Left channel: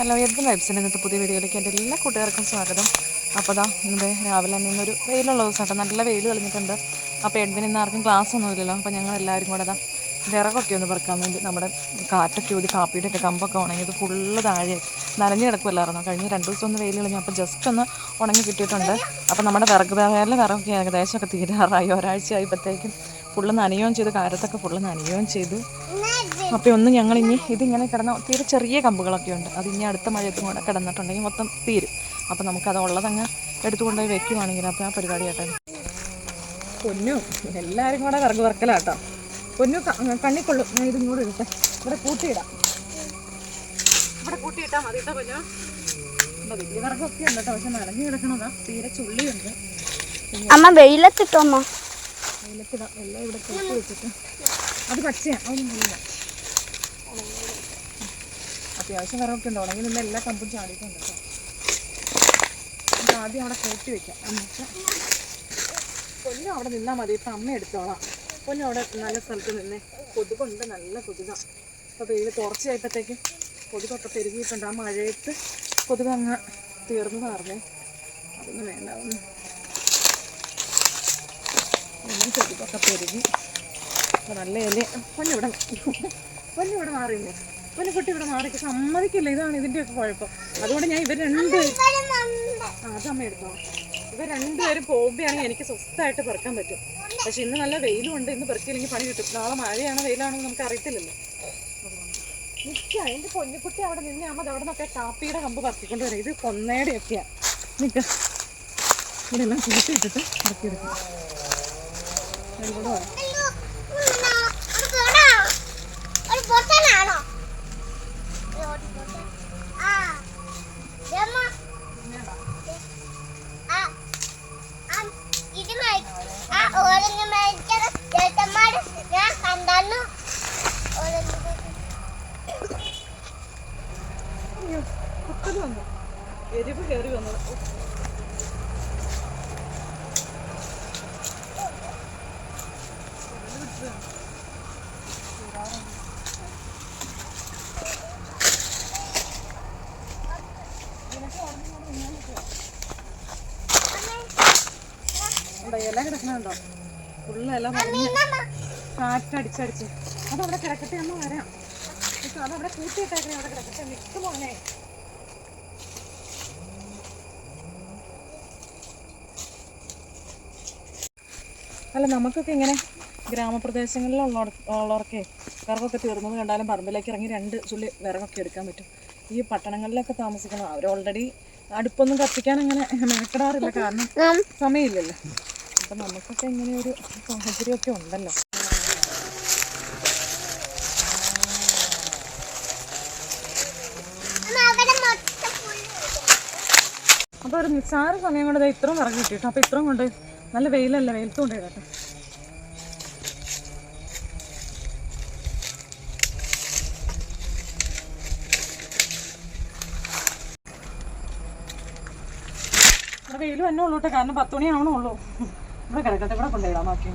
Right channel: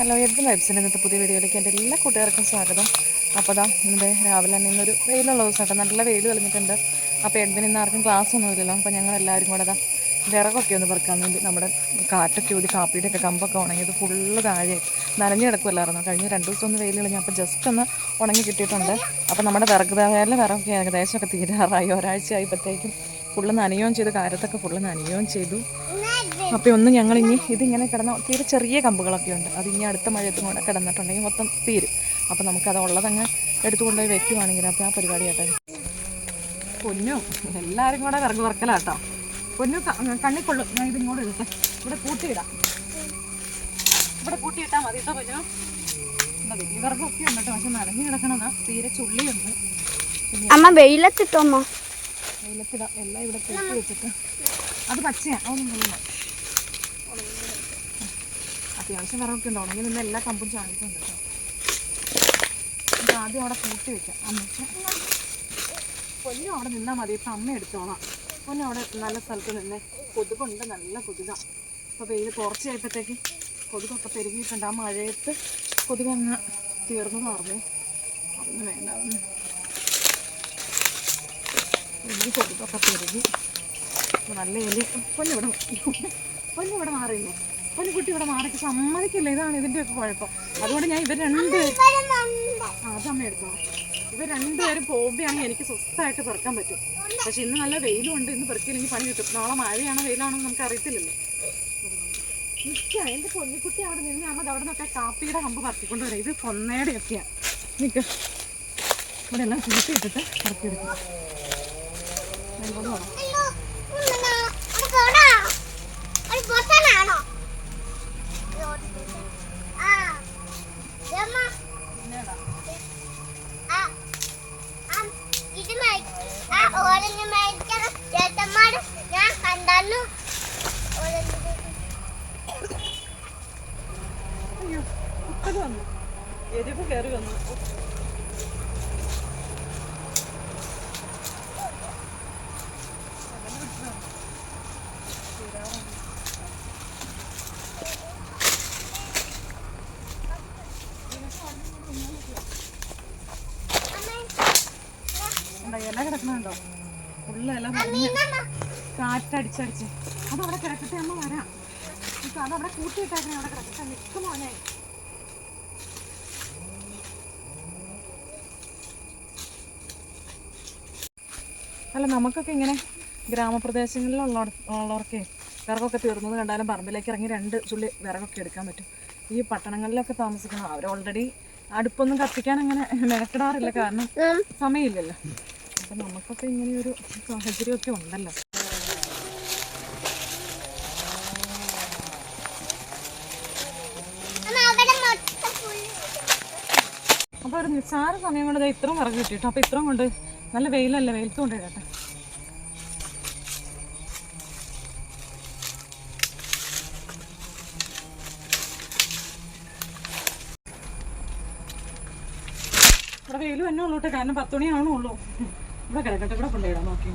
Hello Edwin വൈബ്സിന്റെ ഇന്നത്തെ പുതിയ വീഡിയോയിലേക്ക്? എന്റെ എല്ലാ കൂട്ടുകാർക്കും സ്വാഗതം. അപ്പോൾ ദാ ഇന്നത്തെ രാവിലെ തന്നെ ഇന്നൊരു വെയിലുള്ള ദിവസമായിട്ട് നല്ല വെയിൽ തെളിഞ്ഞിട്ടുണ്ട്. അപ്പോൾ എഡ്വിൻ ഇന്ന് ആർക്കും ക്ലാസ് ഒന്നുമില്ലല്ലോ അപ്പോൾ ഞങ്ങൾ എല്ലാവരും കൂടെ ദാ വിറകൊക്കെ ഒന്ന് പെറുക്കാൻ വേണ്ടി നമ്മുടെ കാറ്റൊക്കെ ഊതി കാപ്പിയുടെ ഒക്കെ കമ്പൊക്കെ ഉണങ്ങിയത് ഫുള്ള് താഴെ നനഞ്ഞു കിടക്കുമല്ലായിരുന്നു കഴിഞ്ഞ രണ്ട് ദിവസം ഒന്ന് വെയിൽ കളഞ്ഞു അപ്പോൾ ജസ്റ്റ് ഒന്ന് ഉണങ്ങി കിട്ടിയിട്ടുണ്ട്. അപ്പോൾ നമ്മുടെ വിറക് വേറെ വിറകൊക്കെ ഏകദേശമൊക്കെ തീരാറായി. ഒരാഴ്ച ആയപ്പോഴത്തേക്കും ഫുള്ള് നനയുകയും ചെയ്തു. കാരത്തൊക്കെ ഫുള്ള് നനയുകയും ചെയ്തു. അപ്പോൾ ഒന്ന് ഞങ്ങൾ ഇനി ഇതിങ്ങനെ കിടന്ന തീരെ ചെറിയ കമ്പുകളൊക്കെ ഉണ്ട്. അത് ഇനി അടുത്ത മഴയത്തും കൂടെ കിടന്നിട്ടുണ്ടെങ്കിൽ മൊത്തം തീരും. അപ്പോൾ നമുക്കത് ഉള്ളതങ്ങ് എടുത്തുകൊണ്ടുപോയി വെക്കുവാണെങ്കിൽ അപ്പോൾ ആ പരിപാടി കേട്ടോ. പൊന്നു എല്ലാവരും കൂടെ വിറക് വറക്കലാട്ടോ. പൊന്നു കണ്ണിക്കൊള്ളും ഞാൻ ഇതിങ്ങോട്ട് ഇടട്ടെ. ഇവിടെ കൂട്ടിയിടാം. ഇവിടെ കൂട്ടിയിട്ടാൽ മതി കേട്ടോ പൊന്നു. വലിയ വിറകൊക്കെ ഉണ്ട് കേട്ടോ പക്ഷെ നനഞ്ഞു കിടക്കണതാ. തീരെ ചുള്ളിയുണ്ട്. അമ്മ വെയിലത്തിട്ടോ അമ്മ വെയിലത്തിടാം. എല്ലാം ഇവിടെ കൂട്ടി വെച്ചിട്ട്. അത് പച്ചയാണ് അതൊന്നും അത്യാവശ്യം വിറകൊക്കെ ഉണ്ട്. ഉണങ്ങി നിന്ന് എല്ലാ കമ്പും ചാടിയിട്ടുണ്ട് കേട്ടോ ആദ്യം അവിടെ കൂട്ടി വെക്കാം. അമ്മച്ച പൊന്നും അവിടെ നിന്നാൽ മതി. ഇപ്പം അമ്മ എടുത്തോളാം. പൊന്നും അവിടെ നല്ല സ്ഥലത്ത് നിന്നേ കൊതുകുണ്ട്. നല്ല കൊതുകാണ് അപ്പോൾ വെയിൽ കുറച്ചായപ്പോഴത്തേക്കും കൊതുകൊക്കെ പെരുകിയിട്ടുണ്ട്. ആ മഴയത്ത് കൊതുക് അങ്ങ് തീർന്നു പറഞ്ഞേ. അതൊന്നും വേണ്ട. ഒന്നും കൊതുകൊക്കെ പെരുകി. അപ്പം നല്ല ഇല പൊന്നിവിടെ പൊന്നിവിടെ മാറിയില്ലേ? പൊന്നുകുട്ടി ഇവിടെ മാറി. സമ്മതിക്കില്ല. ഇതാണ് ഇതിന്റെയൊക്കെ കുഴപ്പം. അതുകൊണ്ട് ഞാൻ ഇവർ രണ്ടുപേരും ആ സമയം എടുത്തോ. ഇവർ രണ്ടുപേരും പോകുമ്പോഴാണെങ്കിൽ എനിക്ക് സ്വസ്ഥമായിട്ട് പെറുക്കാൻ പറ്റും. പക്ഷെ ഇന്ന് നല്ല വെയിലും ഉണ്ട്. ഇന്ന് പെറുക്കിയില്ലെങ്കിൽ പണി കിട്ടും. നാളെ മഴയാണോ വെയിലാണോ നമുക്ക് അറിയത്തില്ലല്ലോ. നിൽക്കുക എന്റെ പൊന്നിക്കുട്ടി അവിടെ നിന്ന് അമ്മ അവിടെ നിന്നൊക്കെ കാപ്പിയുടെ കമ്പ് പറത്തിക്കൊണ്ട് വരാം. ഇത് കൊന്നയുടെയൊക്കെയാണ് നിൽക്കുക ഇവിടെ എല്ലാം പറക്കിയെടുക്കും അതിലൂടെ വരാം. എരിവ് കയറി എന്താ ഇല കിടക്കണുണ്ടോ ഫുള്ള് അത് അവിടെ കാറ്റടിച്ചടിച്ച്. അതവിടെ കിടക്കട്ടെ അമ്മ വരാം. ഇപ്പൊ അതവിടെ കൂട്ടിയിട്ടേക്കണേ അവിടെ കിടക്കട്ടെ. നിൽക്കും മോനെ. അല്ല നമുക്കൊക്കെ ഇങ്ങനെ ഗ്രാമപ്രദേശങ്ങളിലുള്ള ഉള്ളവർക്ക് വിറകൊക്കെ തീർന്നത് കണ്ടാലും പറമ്പിലേക്ക് ഇറങ്ങി രണ്ട് ചുള്ളി വിറകൊക്കെ എടുക്കാൻ പറ്റും. ഈ പട്ടണങ്ങളിലൊക്കെ താമസിക്കണം. അവർ ഓൾറെഡി അടുപ്പൊന്നും കത്തിക്കാൻ അങ്ങനെ മെനക്കെടാറില്ല. കാരണം സമയമില്ലല്ലോ. അപ്പം നമുക്കൊക്കെ ഇങ്ങനെ ഒരു സാഹചര്യമൊക്കെ ഉണ്ടല്ലോ. അപ്പോൾ ഒരു നിസ്സാര സമയം കൊണ്ട് ഇത്രയും ഇറങ്ങി കിട്ടി അപ്പോൾ ഇത്രയും കൊണ്ട് നല്ല വെയിലല്ലേ വെയിലത്ത് കൊണ്ട് ഇടട്ടെ. ഇവിടെ വെയിൽ തന്നെ ഉള്ളൂട്ടെ. കാരണം പത്ത് മണിയാവണേ ഉള്ളൂ. ഇവിടെ കിടക്കട്ടെ ഇവിടെ കൊണ്ടുപോയിടാം ബാക്കി